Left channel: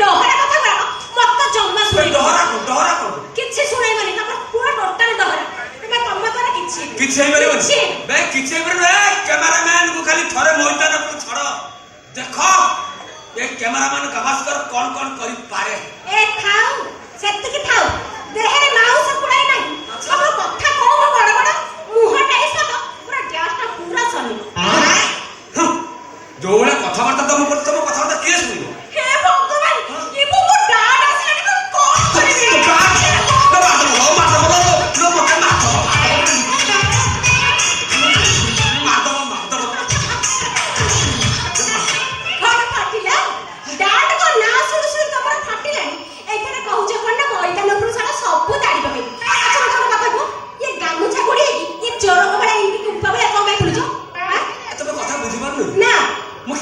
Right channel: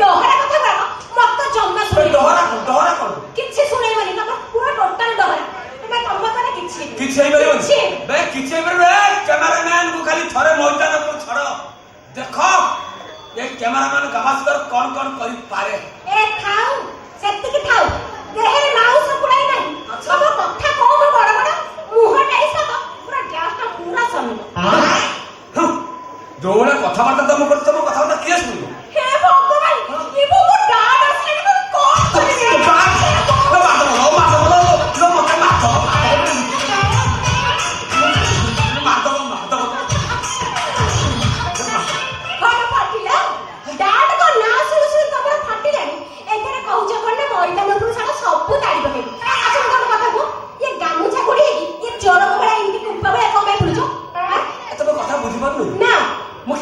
डहरा कथा करा मत जम्मा सुने डहरा कोन किछि सुनै माने तम पूरा टोटल डहरा तमे तम तोरा किछि हेइ परबो बे किछि हेइ परबो कैमरामैन को खाली थरे मैदान पर छड़ देखो ये कैमरामैन गावस्कर कौन करि पारे ए थाउ सेति की थाउ देहे नाउ से पुराई नाही सब कथा कहबो बड़ बड़ मुहटा ऐसा तो पूरा गैस ता पूरा सनी जोला कथाबार्ता तुम कथाबार्ता किए सुनिबो हे भगवान ये मो डाड आसी को कोन करे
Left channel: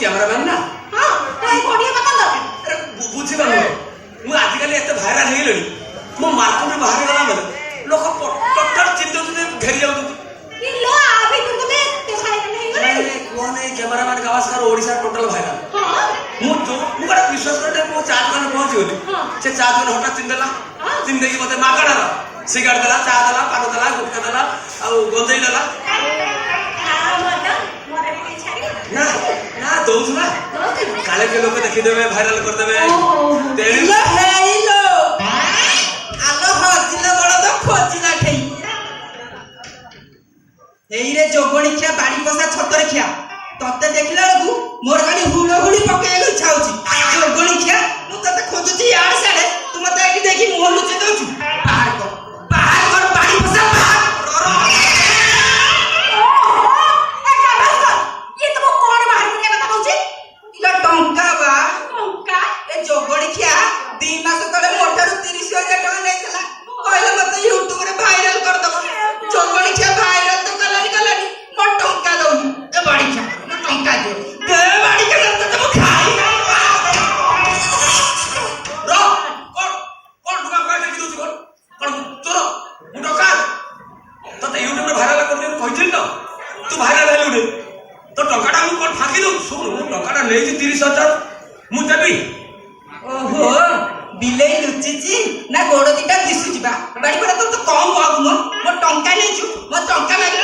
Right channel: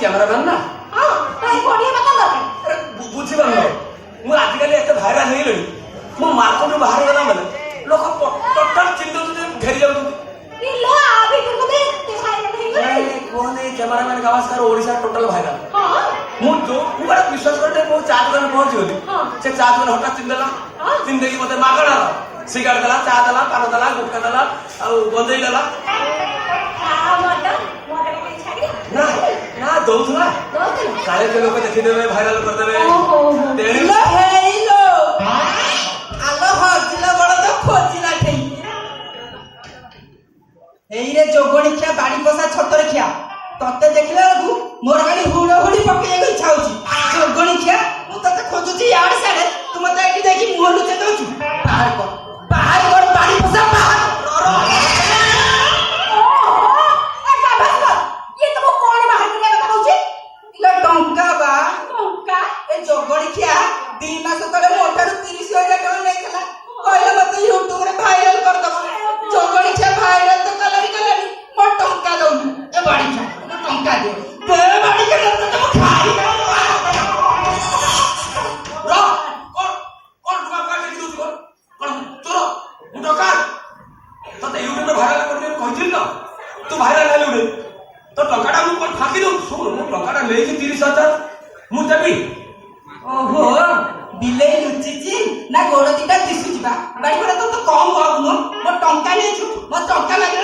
कैमरामैन ना हां कोई कोडिया बता दरकार अरे बुझी बन मु आजिकल एते भाइराल हे गेलनी मु मार्केट बाहर गला माने लोक टोटल चिंता घेरी जाउ ये लो अभी तुम ते भाइराल हे गेले कोन है cameraman Gavaskar Odisha total viral हां मु बड़ा विश्वास करते मु चार्ज करने पहुंच गेली से चार्ज करने हटा चिंदेला चिंदे की मते मागणा सिगारेट दला चा दला पान दला गुटका दला आ गंजई दला ना ना दौथुना काले के लोग देखि देबे वायरल कर देबे तेलो हेलो आलो हजिला बड़ तो खोजिला ठेई एई रे जोगणी खिया बाड़ी पसा छोट रे खिया तते देखिला बेलकु मोर गाड़ी हुड़ हुड़ी पके गई छाउची जोगणी खिया मु तते खोजुची यार साडे तू मते एठी देखि मुंह लुचे दउछु बाहर कर बाड़ी पसा टंका बा टंका ए जोगड़ी खिया 2 मास तले मोटारू 30,000 टका नेतला कहले मते यूट्यूब रे वायरल कर दबो जोगड़ी खिया वायरल तो कलानी मो टंका दउनी ए बाड़ी खिया टंका दे बाड़ी के तो तुम खाई रो कौन टका का देखि दोछ कौन तोर टका तो यूट्यूब रे वायरल कर दे कहिथिल न तू वायरल हेलु रे तो टकाटा मु कोन फाकी दउ सुन मु टकाटा लेई 30,000 मु देबी ओहो बिले लुचिची ना गोड़ दिटा दिसु जिबा बाड़ी पड़े तो कम बाबू मो टंका नेछु मो टंका लागले